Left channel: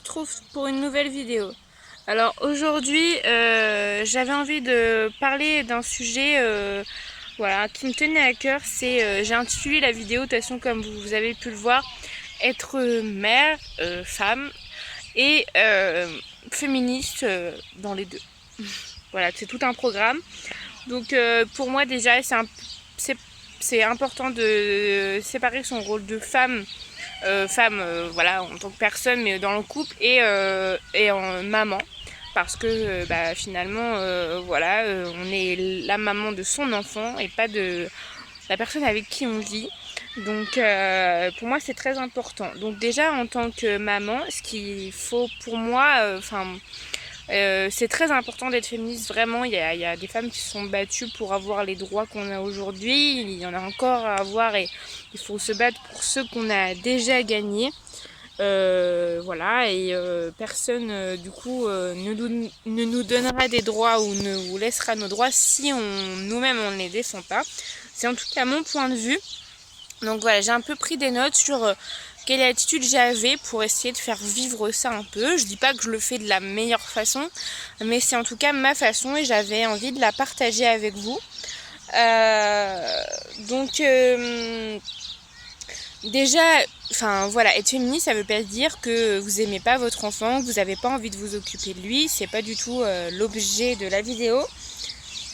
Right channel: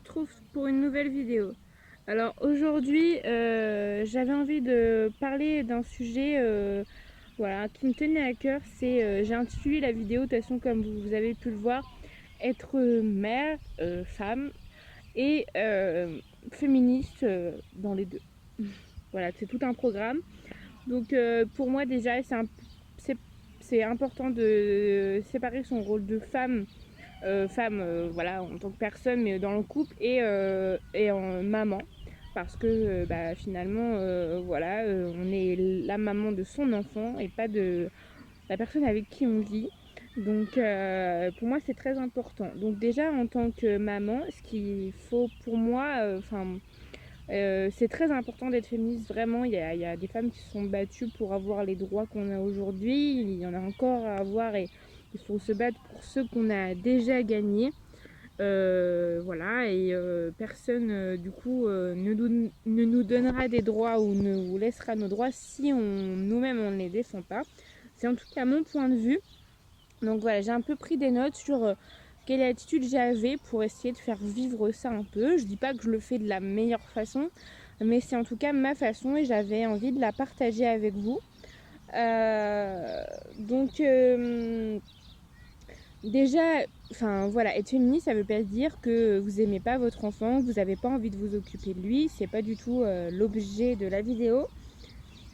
retrouve pour une nouvelle vidéo. Alors aujourd'hui, j'avais envie de parler d'un sujet voilà, qui me tenait à cœur. J'ai intitulé la vidéo, de toute façon comme vous avez pu le voir, être mère, femme et féministe dans les deux. Voilà, c'est tout un programme. Donc pour moi déjà, c'est important de séparer son rôle de femme voilà, en tant que personne, mais dans le couple, et en maman. Parce que finalement, voilà, on est la maman de son enfant et pas de la personne avec qui on vit. Donc pour moi, c'est très important. Donc déjà, en tant que maman, ce qu'il faut pour moi, c'est très important d'être féministe, vraiment. Il y a des femmes qui se sont battues pour avoir les droits qu'on a aujourd'hui. Il y en a encore à avoir et il faut se battre pour ceux qu'on a déjà gagnés. Voilà, et personne du coup ne nous donnera des droits ou ne vous laissera nos droits si nous-mêmes on ne les défend pas. C'est en tout cas mon point de vue. Donc voilà, j'ai un peu pris des notes sur quelle attitude j'avais pour essayer de faire vivre ça un peu. Je dis pas que je le fais de la meilleure façon, mais c'est en tout cas ma façon et j'avais envie de la partager avec vous. Donc déjà, enfin voilà, être féministe, ça veut pas dire que vous aimez pas votre enfant, que vous avez pas envie de vous occuper de lui. C'est pas du tout l'objet de la vidéo.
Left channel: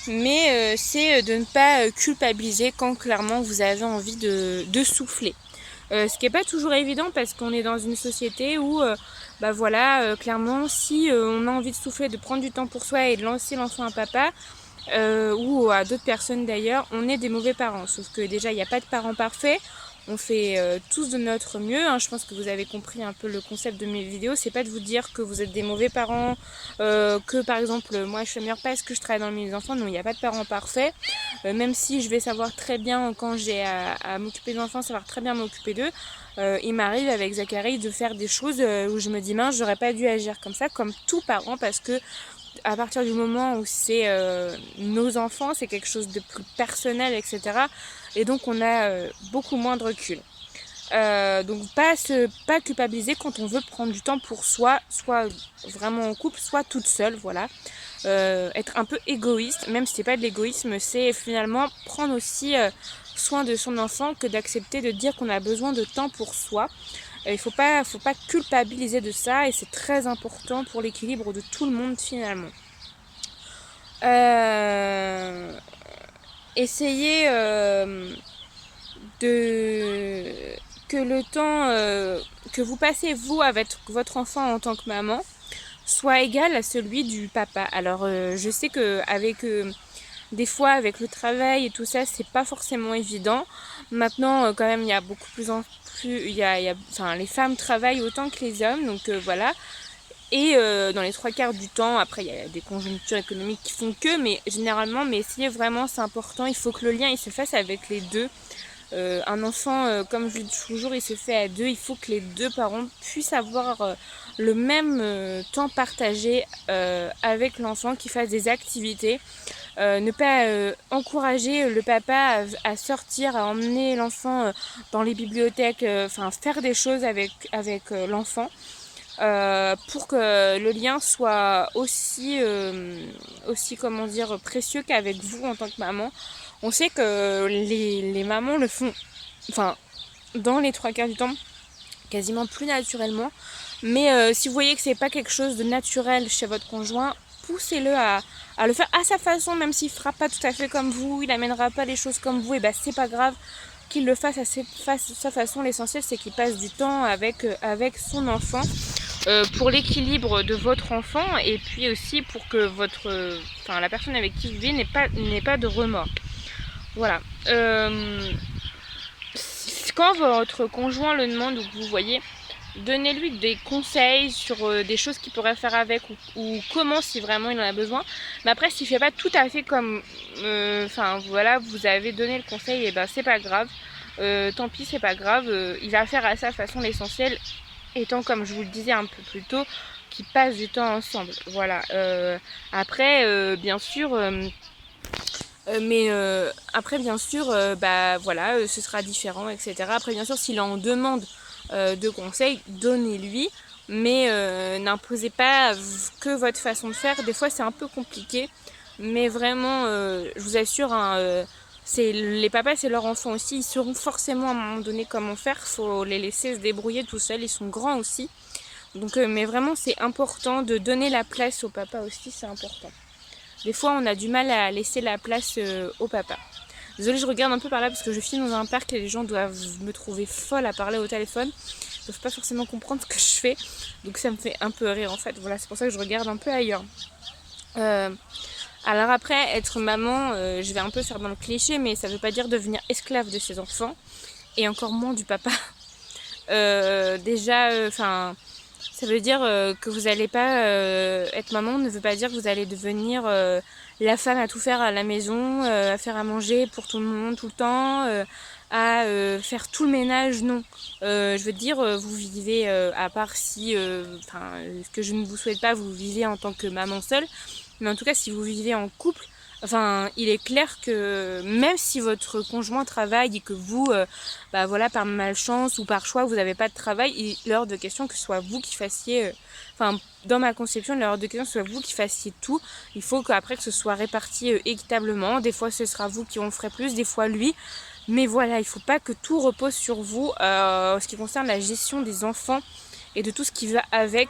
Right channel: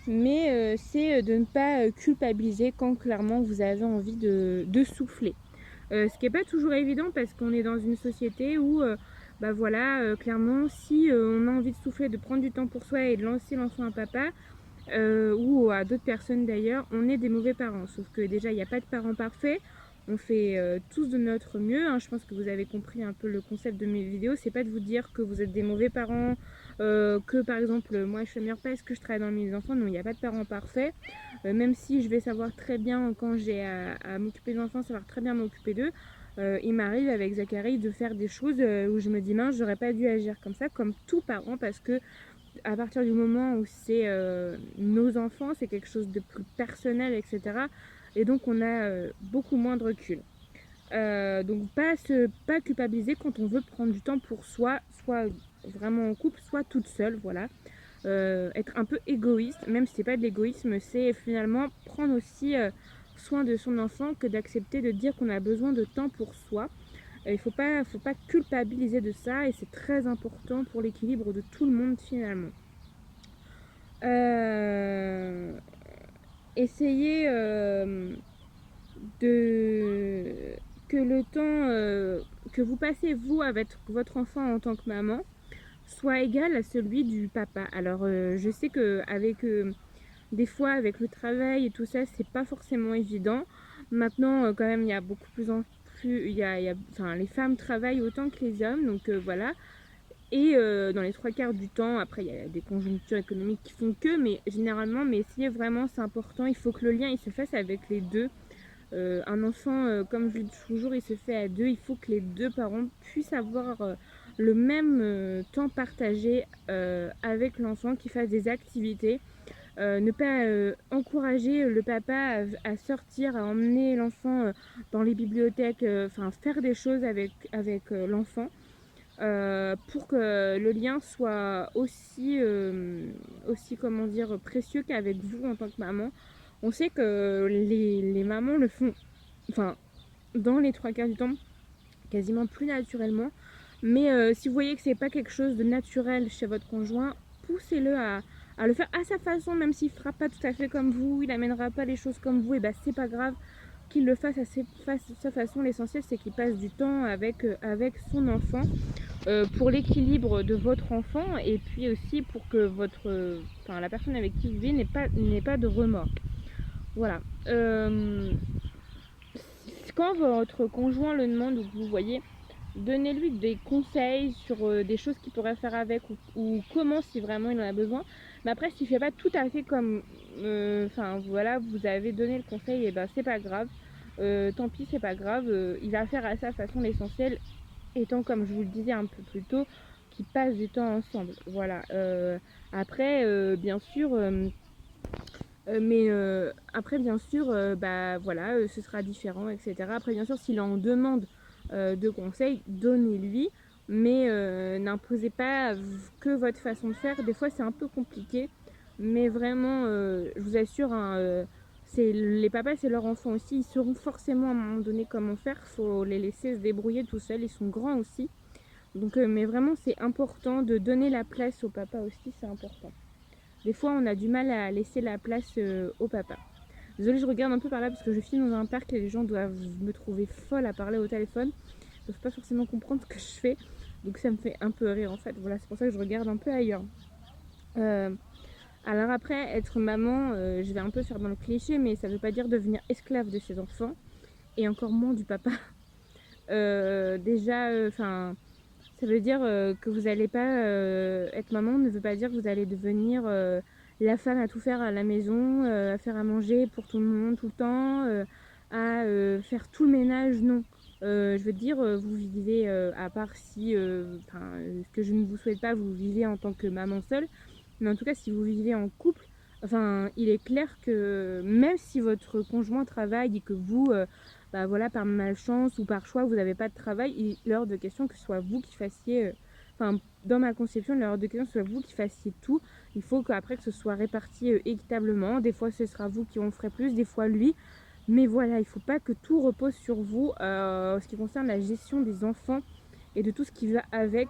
Mais c'est de ne pas culpabiliser quand clairement vous avez envie de souffler. Ce qui n'est pas toujours évident parce qu'on est dans une société où, voilà, clairement, si on a envie de souffler, de prendre du temps pour soi et de lancer l'enfant à papa, ou à d'autres personnes d'ailleurs, on est des mauvais parents. Sauf que déjà, il n'y a pas de parents parfaits. On fait tous de notre mieux. Hein. Je pense que vous avez compris un peu le concept de mes vidéos. C'est pas de vous dire que vous êtes des mauvais parents, que par exemple, moi je suis meilleure parce que je travaille dans le milieu des enfants. Non, il n'y a pas de parents parfaits. Même si je vais savoir très bien, quand j'ai à m'occuper des enfants, savoir très bien m'occuper d'eux. Il m'arrive avec Zachary de faire des choses où je me dis mince, j'aurais pas dû agir comme ça, comme tout parent, parce que à partir du moment où c'est nos enfants, c'est quelque chose de plus personnel, etc. Et donc on a beaucoup moins de recul. Donc pas culpabiliser quand on veut prendre du temps pour soi, soit vraiment en couple, soit toute seule, voilà. Être un peu égoïste, même si c'est pas de l'égoïsme, c'est finalement prendre aussi soin de son enfant, que d'accepter de dire qu'on a besoin de temps pour soi. Il faut pas culpabiliser de ça et c'est très important pour l'équilibre de tout le monde finalement. Essayez de que le temps que vous passez vous avec votre enfant en tant que maman soit égal à celui du papa. Alors je sais que avec des fois avec le travail et tout ça, c'est pas forcément évident. Maintenant quand même il y a beaucoup plus en plus enfin les femmes travaillent autant que les hommes, donc voilà. Et dans les 3/4 du temps, après il y a des conjonctures économiques qui font que, mais généralement, mais essayez vraiment, c'est important, il faut que le lien il se fasse avec les deux. Un enfant, comme je le dis toujours, il se fait à deux, il faut que les deux parents puissent avoir le même temps partagé avec l'enfant, qu'ils fassent des activités. Ne pas encourager le papa à sortir, à emmener l'enfant dans les bibliothèques, enfin faire des choses avec l'enfant. Pour que le lien soit aussi comment dire, précieux qu'avec vous en tant que maman. On sait que les mamans le font, enfin, dans les 3/4 du temps, quasiment plus naturellement. Mais si vous voyez que c'est pas quelque chose de naturel chez votre conjoint, poussez-le à le faire à sa façon, même s'il fera pas tout à fait comme vous, il amènera pas les choses comme vous, et c'est pas grave qu'il le fasse à sa façon. L'essentiel c'est qu'il passe du temps avec son enfant. Pour l'équilibre de votre enfant et puis aussi pour que la personne avec qui vous vivez n'ait pas de remords. Voilà. Quand votre conjoint le demande ou que vous voyez, donnez-lui des conseils sur des choses qu'il pourrait faire avec ou comment, si vraiment il en a besoin. Mais après, s'il fait pas tout à fait comme voilà, vous avez donné le conseil, et c'est pas grave. Tant pis, c'est pas grave. Il va faire à sa façon. L'essentiel étant, comme je vous le disais un peu plus tôt, qu'ils passent du temps ensemble. Voilà. Après, bien sûr, après, bien sûr, voilà, ce sera différent, etc. Après, bien sûr, s'il en demande de conseils, donnez-lui. mais n'imposez pas que votre façon de faire. Des fois c'est un peu compliqué, mais vraiment je vous assure, hein, les papas c'est leur enfant aussi, ils sauront forcément à un moment donné comment faire, faut les laisser se débrouiller tout seuls, ils sont grands aussi. Donc mais vraiment c'est important de donner la place au papa aussi, c'est important. Des fois on a du mal à laisser la place au papa. Désolée, je regarde un peu par là parce que je filme dans un parc et les gens doivent me trouver folle à parler au téléphone. Ils ne peuvent pas forcément comprendre ce que je fais. Donc ça me fait un peu rire en fait. Voilà, c'est pour ça que je regarde un peu ailleurs. Alors après, être maman, je vais un peu faire dans le cliché, mais ça ne veut pas dire devenir esclave de ses enfants. Et encore moins du papa. Déjà, ça veut dire que vous n'allez pas être maman, ne veut pas dire que vous allez devenir la femme à tout faire à la maison, à faire à manger pour tout le monde tout le temps, à faire tout le ménage, non. Je veux dire, vous vivez, à part si, ce que je ne vous souhaite pas, vous vivez en tant que maman seule, mais en tout cas si vous vivez en couple, il est clair que même si votre conjoint travaille et que vous, voilà, par malchance ou par choix, vous n'avez pas de travail, il est hors de question que ce soit vous qui fassiez, dans ma conception, il est hors de question que ce soit vous qui fassiez tout. Il faut qu'après que ce soit réparti équitablement. Des fois, ce sera vous qui en ferez plus, des fois lui. Mais voilà, il ne faut pas que tout repose sur vous en ce qui concerne la gestion des enfants et de tout ce qui va avec.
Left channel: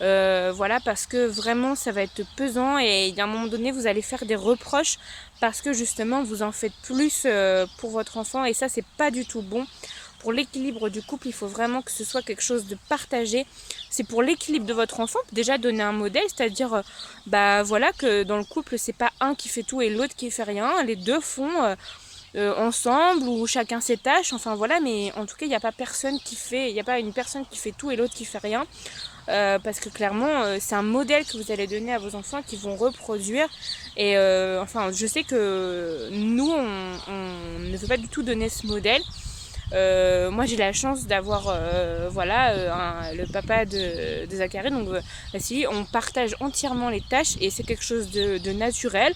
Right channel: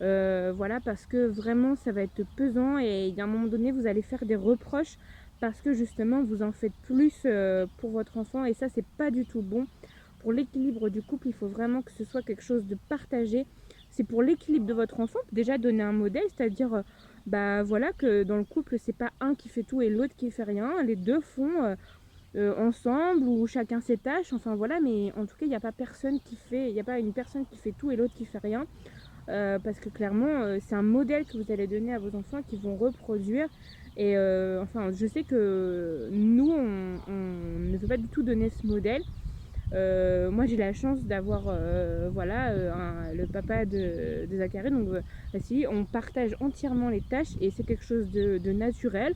Voilà, parce que vraiment ça va être pesant et à un moment donné vous allez faire des reproches parce que justement vous en faites plus pour votre enfant et ça c'est pas du tout bon. Pour l'équilibre du couple, il faut vraiment que ce soit quelque chose de partagé. C'est pour l'équilibre de votre enfant, déjà donner un modèle, c'est-à-dire voilà, que dans le couple c'est pas un qui fait tout et l'autre qui fait rien, les deux font ensemble ou chacun ses tâches, enfin voilà, mais en tout cas il n'y a pas personne qui fait, il n'y a pas une personne qui fait tout et l'autre qui fait rien. Parce que clairement c'est un modèle que vous allez donner à vos enfants qui vont reproduire et je sais que nous on ne veut pas du tout donner ce modèle. Moi j'ai la chance d'avoir le papa de Zachary, donc Vassili, on partage entièrement les tâches et c'est quelque chose de naturel.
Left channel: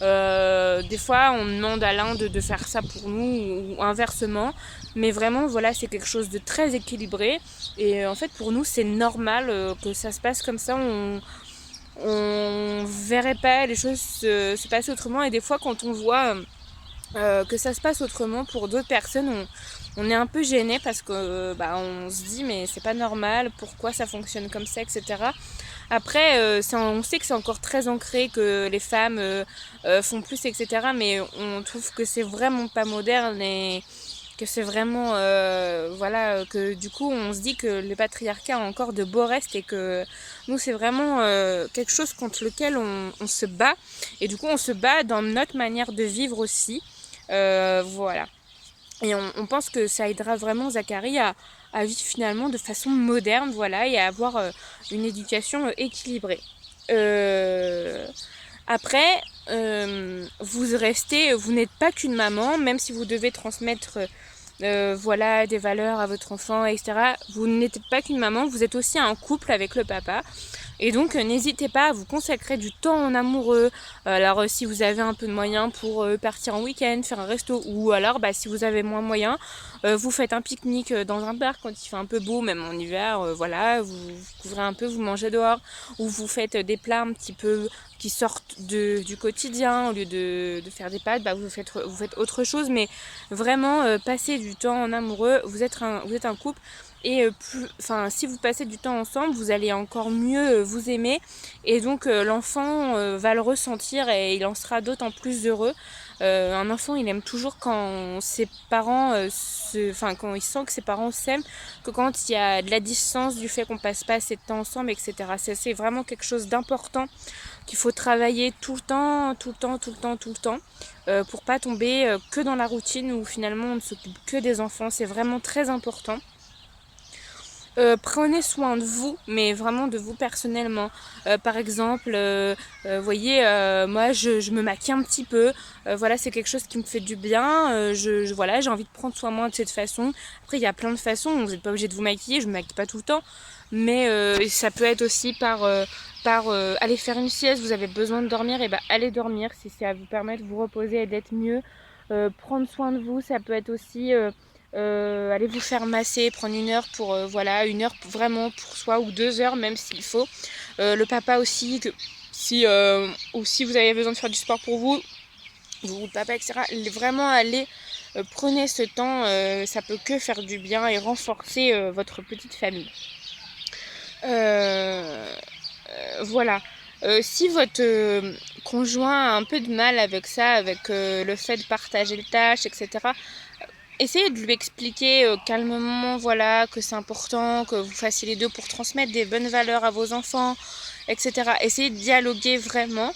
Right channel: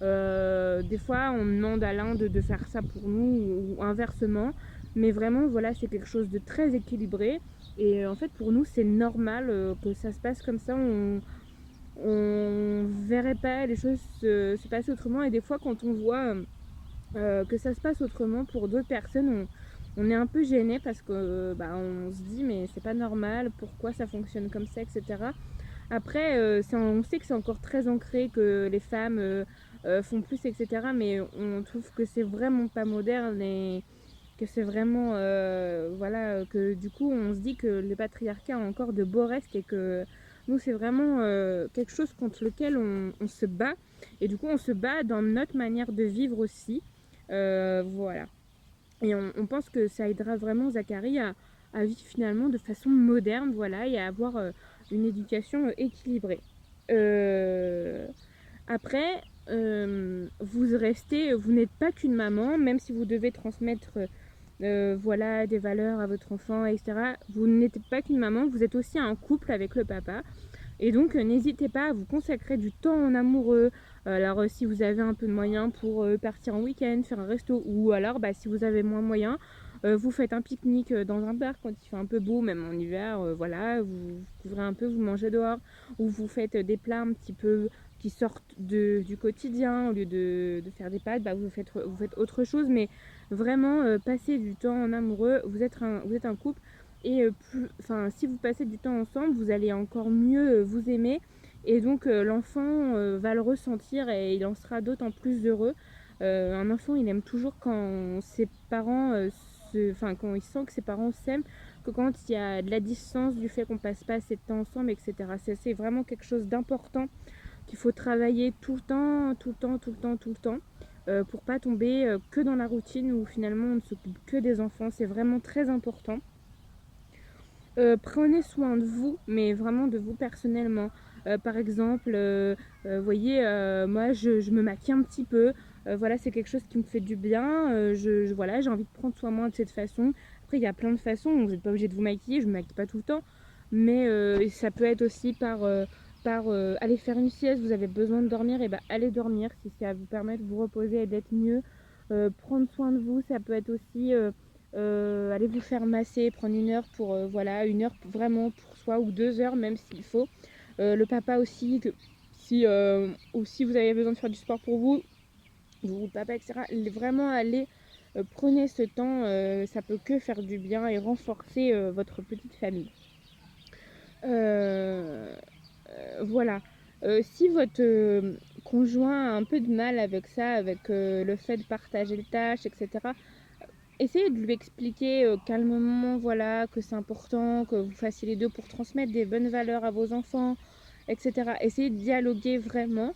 Des fois on demande à l'un de faire ça pour nous ou inversement, mais vraiment voilà, c'est quelque chose de très équilibré et en fait pour nous c'est normal que ça se passe comme ça. On verrait pas les choses se passer autrement et des fois quand on voit que ça se passe autrement pour d'autres personnes, on est un peu gêné parce que on se dit mais c'est pas normal, pourquoi ça fonctionne comme ça, etc. Après, on sait que c'est encore très ancré, que les femmes font plus, etc. Mais on trouve que c'est vraiment pas moderne et que c'est vraiment... que du coup, on se dit que le patriarcat a encore de beaux restes et que nous, c'est vraiment quelque chose contre lequel on se bat. Et du coup, on se bat dans notre manière de vivre aussi. Voilà. Et on pense que ça aidera vraiment Zachary à vivre finalement de façon moderne, voilà, et à avoir une éducation équilibrée. Après, vous n'êtes pas qu'une maman, même si vous devez transmettre des valeurs à votre enfant, etc. Vous n'êtes pas qu'une maman, vous êtes aussi un couple avec le papa. Et donc n'hésitez pas à vous consacrer du temps en amoureux. Alors si vous avez un peu de moyens pour partir en week-end, faire un resto, ou alors si vous avez moins de moyens, vous faites un pique-nique dans un parc quand il fait un peu beau, même en hiver, vous couvrez un peu, vous mangez dehors, ou vous faites des plats un petit peu qui sortent du quotidien. Au lieu de faire des pâtes, vous faites autre chose, mais vraiment passer du temps en amoureux. Vous êtes un couple. Et si vous passez du temps ensemble, vous allez encore mieux vous aimer. Et donc l'enfant va le ressentir et il en sera d'autant plus heureux. Un enfant, il aime toujours quand ses parents, quand il sent que ses parents s'aiment, que quand il y a de la distance du fait qu'on passe pas assez de temps ensemble, etc. C'est vraiment quelque chose d'important qu'il faut travailler tout le temps, pour pas tomber que dans la routine où finalement on ne s'occupe que des enfants. C'est vraiment très important. Prenez soin de vous, mais vraiment de vous personnellement. Par exemple, moi je me maquille un petit peu. C'est quelque chose qui me fait du bien. J'ai envie de prendre soin de moi de cette façon. Après, il y a plein de façons. Vous n'êtes pas obligé de vous maquiller. Je me maquille pas tout le temps. Mais ça peut être aussi par aller faire une sieste. Vous avez besoin de dormir, et allez dormir si ça vous permet de vous reposer et d'être mieux. Prendre soin de vous, ça peut être aussi allez vous faire masser, prendre une heure pour voilà, une heure vraiment pour soi ou 2 heures même s'il faut. Le papa aussi, si vous avez besoin de faire du sport pour vous, le papa, etc. Vraiment aller prenez ce temps, ça peut que faire du bien et renforcer votre petite famille. Voilà. Si votre conjoint a un peu de mal avec ça, avec le fait de partager les tâches, etc., essayez de lui expliquer calmement, voilà, que c'est important, que vous fassiez les deux pour transmettre des bonnes valeurs à vos enfants, etc. Essayez de dialoguer vraiment.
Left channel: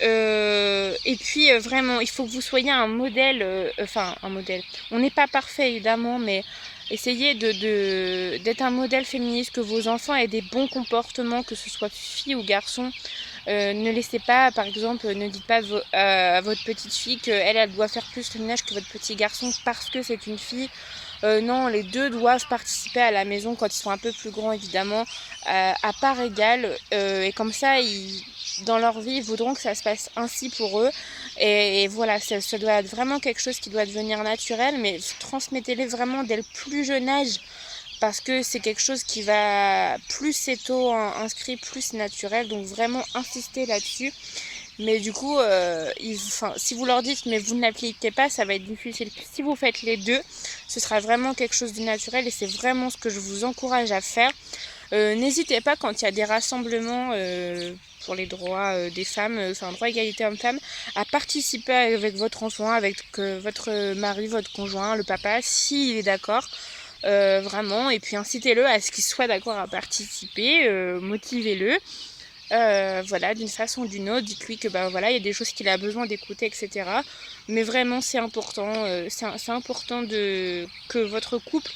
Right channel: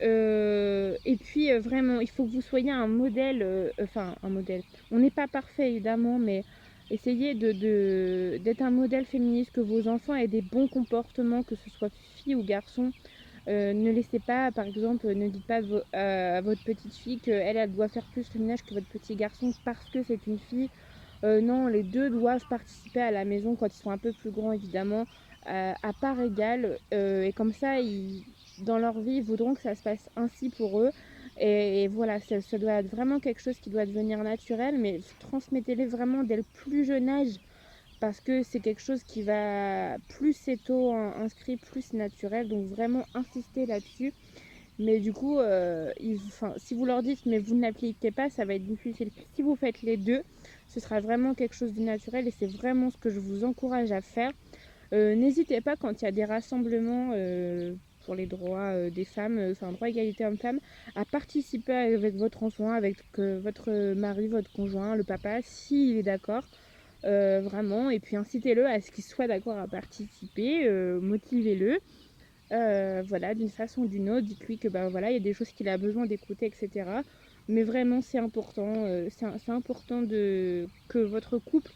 Et puis vraiment, il faut que vous soyez un modèle, enfin un modèle. On n'est pas parfait évidemment, mais essayez d'être un modèle féministe, que vos enfants aient des bons comportements, que ce soit fille ou garçon. Ne laissez pas, par exemple, ne dites pas à votre petite fille qu'elle doit faire plus le ménage que votre petit garçon parce que c'est une fille. Non, les deux doivent participer à la maison quand ils sont un peu plus grands, évidemment, à part égale. Et comme ça, dans leur vie, ils voudront que ça se passe ainsi pour eux. Et voilà, ça doit être vraiment quelque chose qui doit devenir naturel, mais transmettez-les vraiment dès le plus jeune âge, parce que c'est quelque chose qui va, plus c'est tôt inscrit, plus c'est naturel. Donc vraiment insister là-dessus. Mais du coup, si vous leur dites mais vous ne l'appliquez pas, ça va être difficile. Si vous faites les deux, ce sera vraiment quelque chose de naturel et c'est vraiment ce que je vous encourage à faire. N'hésitez pas quand il y a des rassemblements pour les droits des femmes, droit égalité homme-femme, à participer avec votre enfant, avec votre mari, votre conjoint, le papa, s'il est d'accord. Vraiment, et puis incitez-le à ce qu'il soit d'accord à participer, motivez-le. Voilà, d'une façon ou d'une autre, dites-lui que voilà, il y a des choses qu'il a besoin d'écouter, etc. Mais vraiment, c'est important, c'est important que votre couple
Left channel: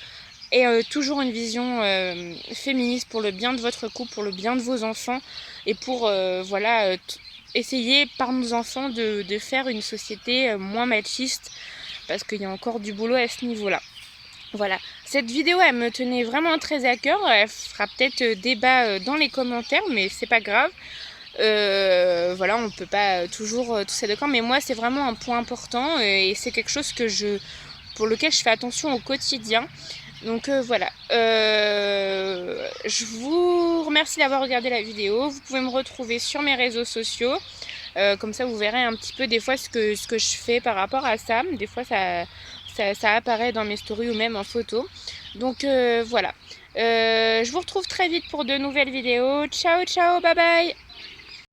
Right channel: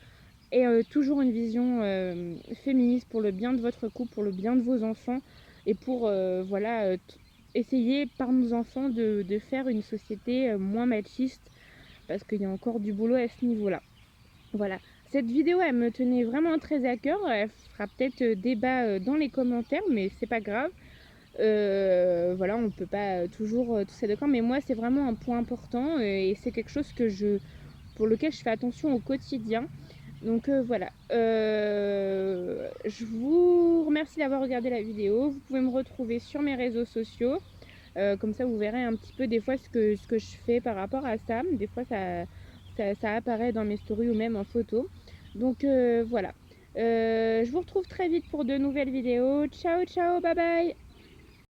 ait toujours une vision féministe pour le bien de votre couple, pour le bien de vos enfants, et pour essayer par nos enfants de faire une société moins machiste, parce qu'il y a encore du boulot à ce niveau-là. Voilà, cette vidéo elle me tenait vraiment très à cœur, elle fera peut-être débat dans les commentaires, mais c'est pas grave. Voilà, on peut pas toujours tous être d'accord, mais moi c'est vraiment un point important et c'est quelque chose pour lequel je fais attention au quotidien. Donc voilà, je vous remercie d'avoir regardé la vidéo. Vous pouvez me retrouver sur mes réseaux sociaux. Comme ça vous verrez un petit peu des fois ce que je fais par rapport à ça. Des fois ça apparaît dans mes stories ou même en photo. Donc voilà. Je vous retrouve très vite pour de nouvelles vidéos. Ciao, ciao, bye bye!